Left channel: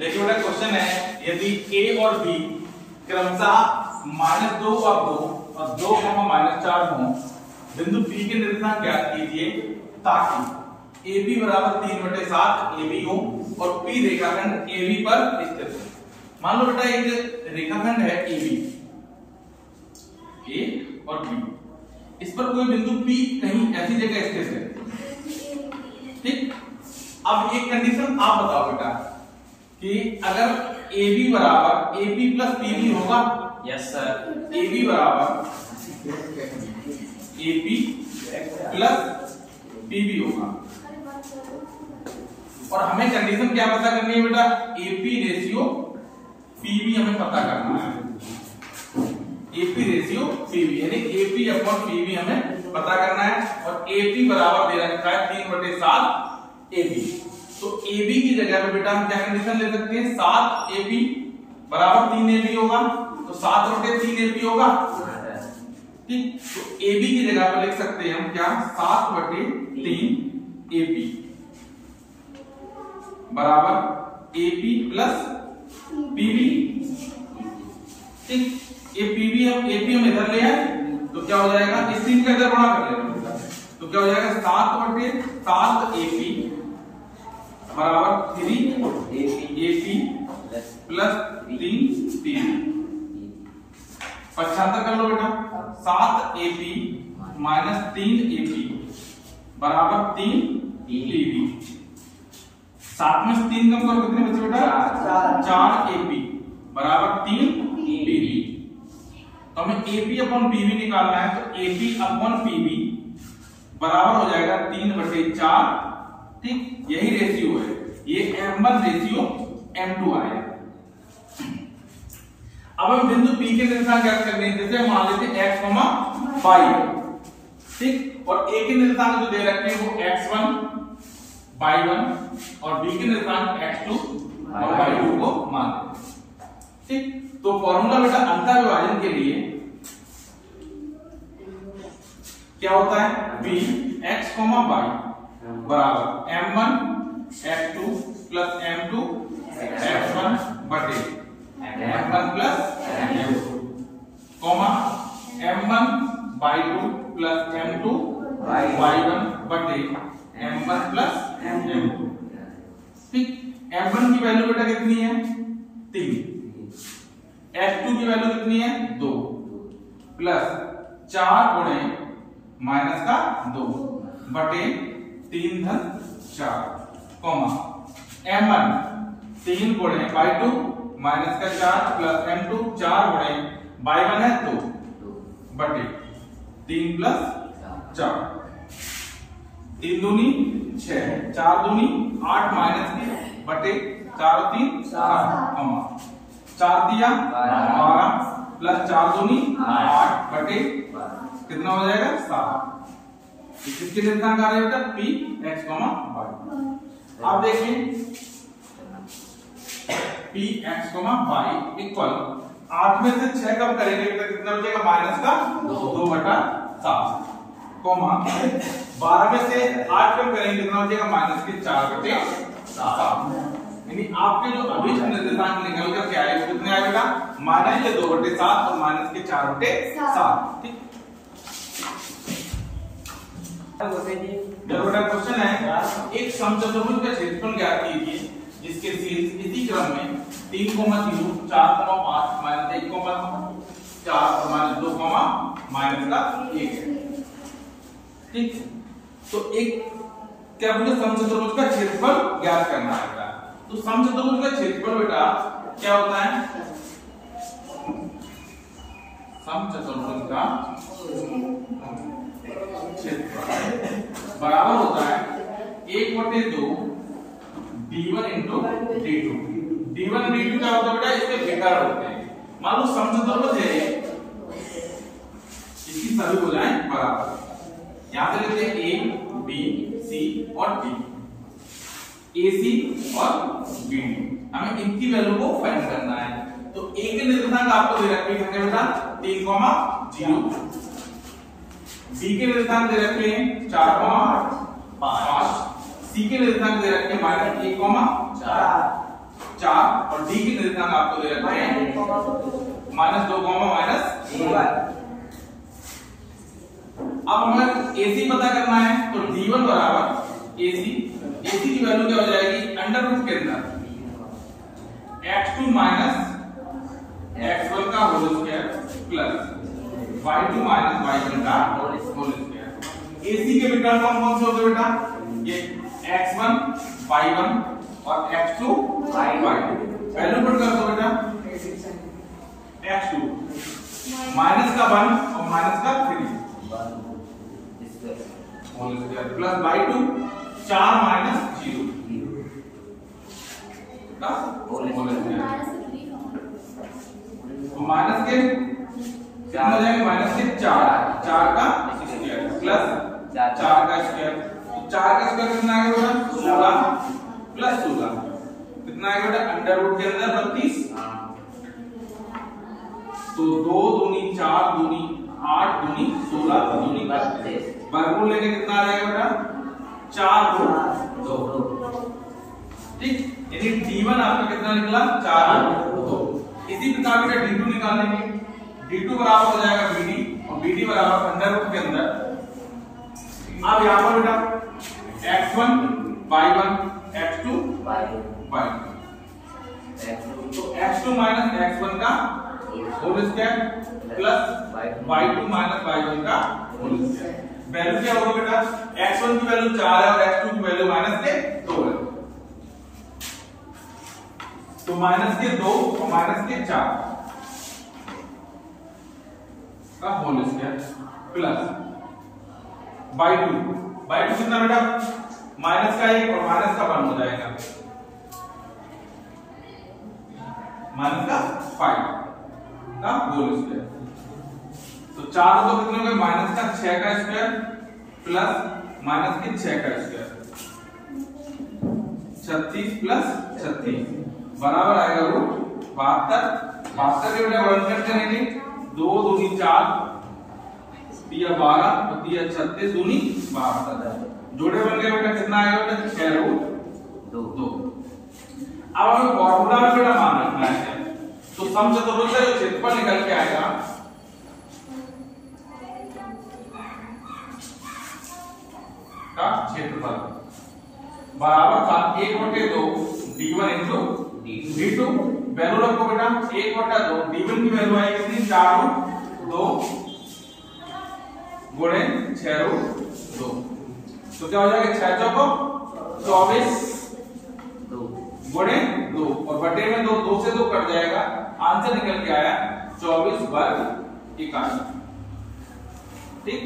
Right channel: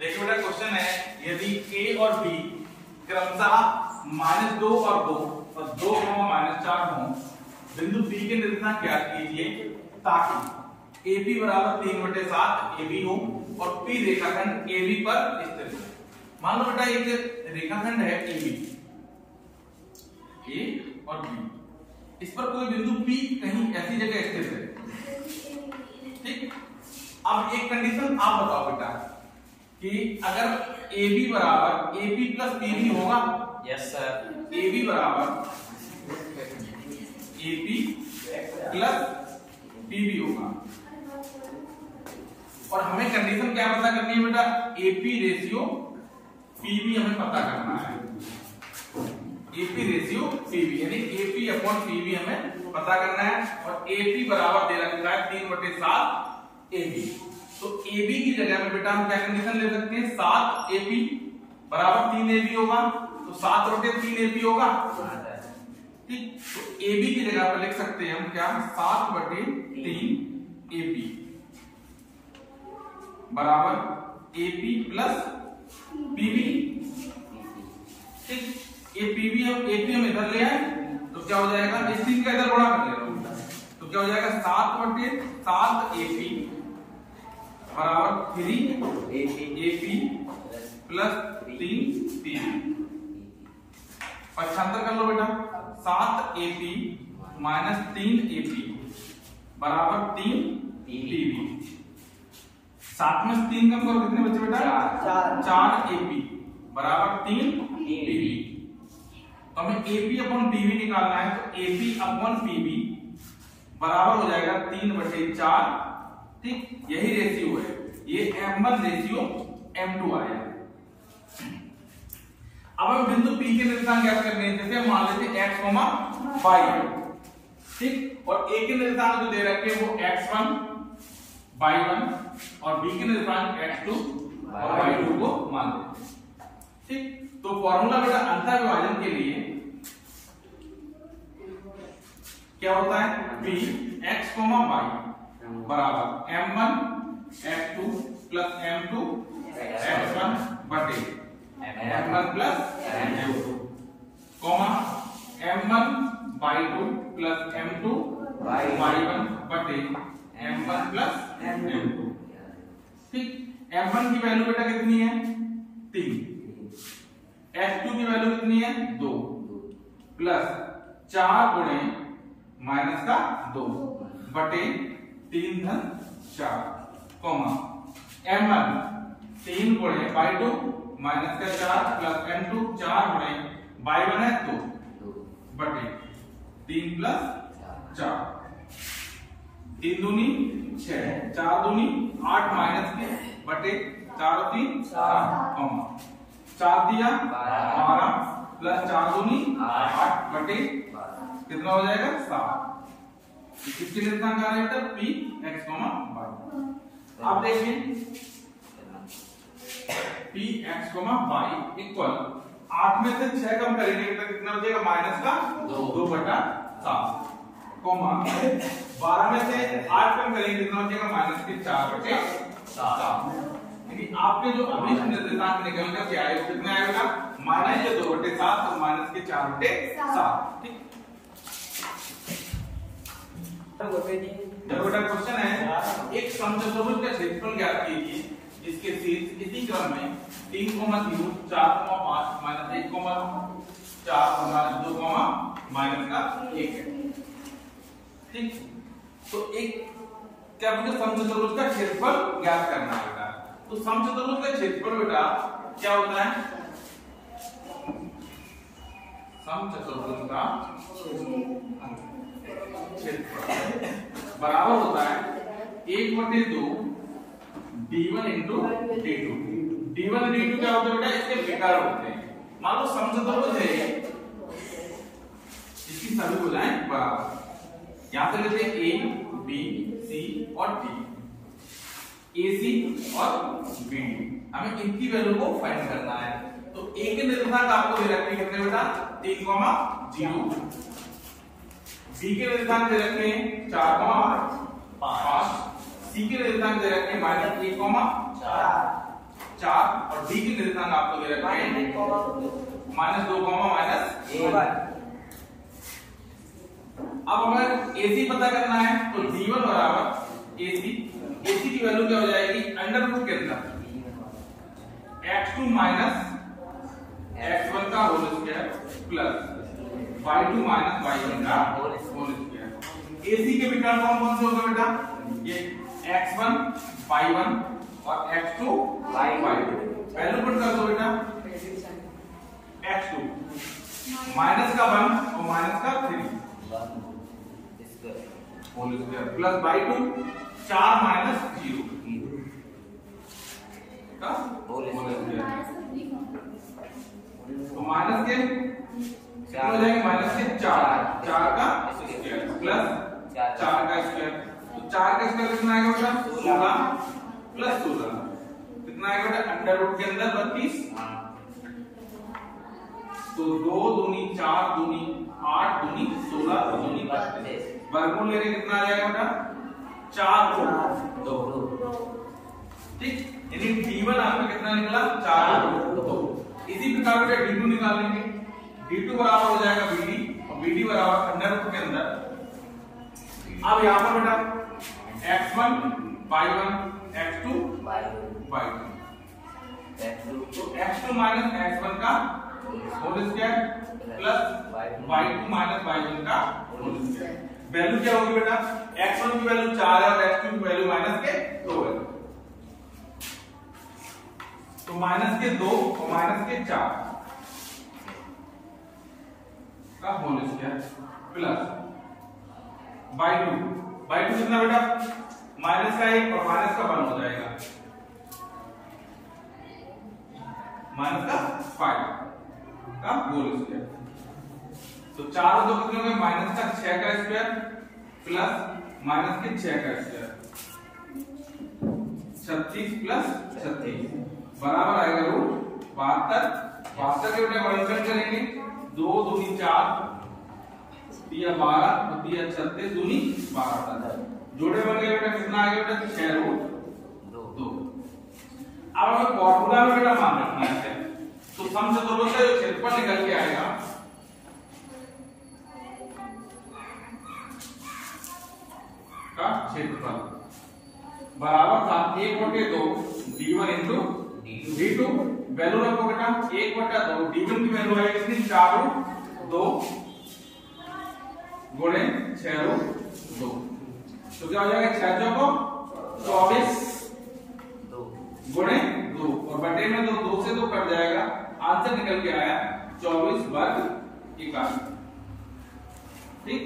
देखिए बेटा क्वेश्चन है, यदि a और b क्रमशः -2 और 2 और 2, -4 हो, बिंदु P के निर्देशांक ज्ञात कीजिए ताकि AB बराबर 3/7 AB हो और P रेखाखंड AB पर स्थित हो। मान लो बेटा एक रेखाखंड है AB, A और B, इस पर कोई बिंदु P कहीं ऐसी जगह स्थित है, ठीक। अब एक कंडीशन आप बताओ बेटा कि अगर AB बराबर AP प्लस PB होगा, यस सर, AB बराबर AP प्लस PB होगा, और हमें कंडीशन क्या पता करनी है बेटा, AP रेशियो PB हमें पता करना है। AP रेशियो PB यानी AP अपॉन PB हमें पता करना है, और AP बराबर दे रखा है 3/7 AB। तो AB की जगह पे बेटा हम क्या कंडीशन ले सकते हैं, 7 AP बराबर 3 AB होगा, तो 7/3 AB होगा, ठीक। तो AB की जगह पे लिख सकते हैं हम क्या, 7/3 AP बराबर AP प्लस PB, ठीक। ये PB हम AP हम इधर ले आए तो क्या हो जाएगा, इस 3 का इधर गुणा कर लेना, तो क्या हो जाएगा 7/7 AP बराबर 3 AP प्लस 3 PB। पक्षांतर कर लो बेटा, 7 AP माइनस 3 AP बराबर 3 PB। 7 में से 3 कम करो, कितने बचे बेटा, 4 AP बराबर 3 PB। तो हमें AP अपॉन PB निकालना है, तो AP अपॉन PB बराबर हो जाएगा 3/4, ठीक। यही रेशियो है, ये M1 रेशियो M2 आया। अब हम बिंदु P के निर्देशांक ज्ञात करने हैं, जैसे मान लेते हैं x, y, ठीक, और A के निर्देशांक जो दे रखे हैं वो x1 y1 और B के निर्देशांक x2 और y2 को मान लेते हैं, ठीक। तो फॉर्मूला बेटा अंतर विभाजन के लिए क्या होता है, B x, y बराबर M1 x2 plus M2 x1 बटे M1 plus M2 M1 y2 plus M2 y1 बटे M1 प्लस M2, ठीक। M1 की वैल्यू बेटा कितनी है, 3, x2 की वैल्यू कितनी है, 2 प्लस 4 गुणे माइनस का 2 बटे 3 धन 4, M1 3 गुणे y2 माइनस का 4 प्लस M2 4 गुणे y1 है 2 बटे 3 प्लस 4, 3 दूनी 6, 4 दूनी 8 माइनस के बटे 4 और 3 7, 4 दिया 12 प्लस 4 दूनी 8 बटे कितना हो जाएगा 7। किसके निर्देशांक आ रहे हैं बेटा, P x, y। अब देखिए P x, y इक्वल 8 में से 6 कम करेंगे तो कितना बचेगा, माइनस का 2/7, 12 में से 8 कम करेंगे कितना बचेगा, माइनस के 4/7। यानी आपके जो अभी निर्देशांक निकल कर के आए कितने आए बेटा, माइनस के 2/7 और माइनस के 4/7, ठीक। बेटा क्वेश्चन है, एक समचतुर्भुज का क्षेत्रफल ज्ञात कीजिए जिसके शीर्ष इसी क्रम में 3, 0, 4, 5, -1, 4 और -2, -1 है, ठीक। तो एक क्या बोलते, समचतुर्भुज का क्षेत्रफल ज्ञात करना है बेटा। तो समचतुर्भुज का क्षेत्रफल बेटा क्या होता है, समचतुर्भुज का क्षेत्रफल बराबर होता है 1/2 d1 इंटू d2। d1 और d2 क्या होता है बेटा, इसके विकर्ण होते हैं। मान लो समचतुर्भुज है, इसकी सभी भुजाएं बराबर, यहां से लेते हैं a, b, c और d, ac और bd, हमें इनकी वैल्यू को फाइंड करना है। तो a के निर्देशांक आपको दे रखे हैं बेटा 3, 0, b के निर्देशांक दे रखे हैं 4, 5, c के निर्देशांक दे रखे हैं -1, 4, और डी की निर्देशांक आपको दे रखे हैं -2, -1। अब हमें AC पता करना है तो D1 बराबर AC की वैल्यू क्या हो जाएगी अंडर रूट के अंदर x2 माइनस x1 का whole square plus y2 minus y1 का होल स्क्वायर। AC के विकर्ण कौन से होते बेटा ये x1 y1 और x2 y2। वैल्यू पुट कर दो बेटा x2 माइनस का 1 और माइनस का 3 whole square plus y2 4 minus 0 का होल स्क्वायर। तो माइनस के कितना हो जाएगा माइनस के 4 का स्क्वायर प्लस 4 का स्क्वायर। तो 4 का स्क्वायर कितना आएगा बेटा 16 प्लस 16 कितना आएगा बेटा अंडर रूट के अंदर 32। तो 2 दूनी 4 दूनी 8 दूनी 16 दूनी 32 वर्गमूल लेके कितना आ जाएगा बेटा 4/2। ठीक यानी D1 आपका कितना निकला 4/2। इसी प्रकार बेटा D2 निकाल लेंगे। D2 बराबर हो जाएगा BD और BD बराबर अंडर रूट के अंदर। अब यहां पर बेटा x1 y1 x2 y2 तो x2 माइनस x1 का whole square plus y2 minus y1 का होल स्क्वायर। वैल्यू क्या होगा बेटा x1 की वैल्यू 4 है और x2 की वैल्यू माइनस के 2 है। तो माइनस के 2 और माइनस के 4 का होल स्क्वायर प्लस y2 कितना बेटा माइनस का 1 और माइनस का 1 हो जाएगा माइनस का 5 का होल स्क्वायर। तो 4 हो तो कितने हो गए माइनस का 6 का स्क्वायर प्लस माइनस के 6 का स्क्वायर 36 प्लस 36 बराबर आएगा रूट 72 के बेटा गुणनखंड करेंगे 2 दूनी 4 दिया 12 और दिया 36 दूनी 72 जोड़े बन गए बेटा कितना आएगा बेटा 6√2। अब हमें फॉर्मूला में बेटा मान रखना है तो समचतुर्भुज का जो क्षेत्रफल निकल के आएगा का क्षेत्रफल बराबर था 1/2 D1 इंटू D2। वैल्यू रखो बेटा 1/2 D1 की वैल्यू आएगी कितनी 4/2 गुणे 6/2 तो क्या हो जाएगा 6 चौको 24 गुणे 2 और बटे में 2 से 2 कट जाएगा आंसर निकल के आया 24 वर्ग इकाई। ठीक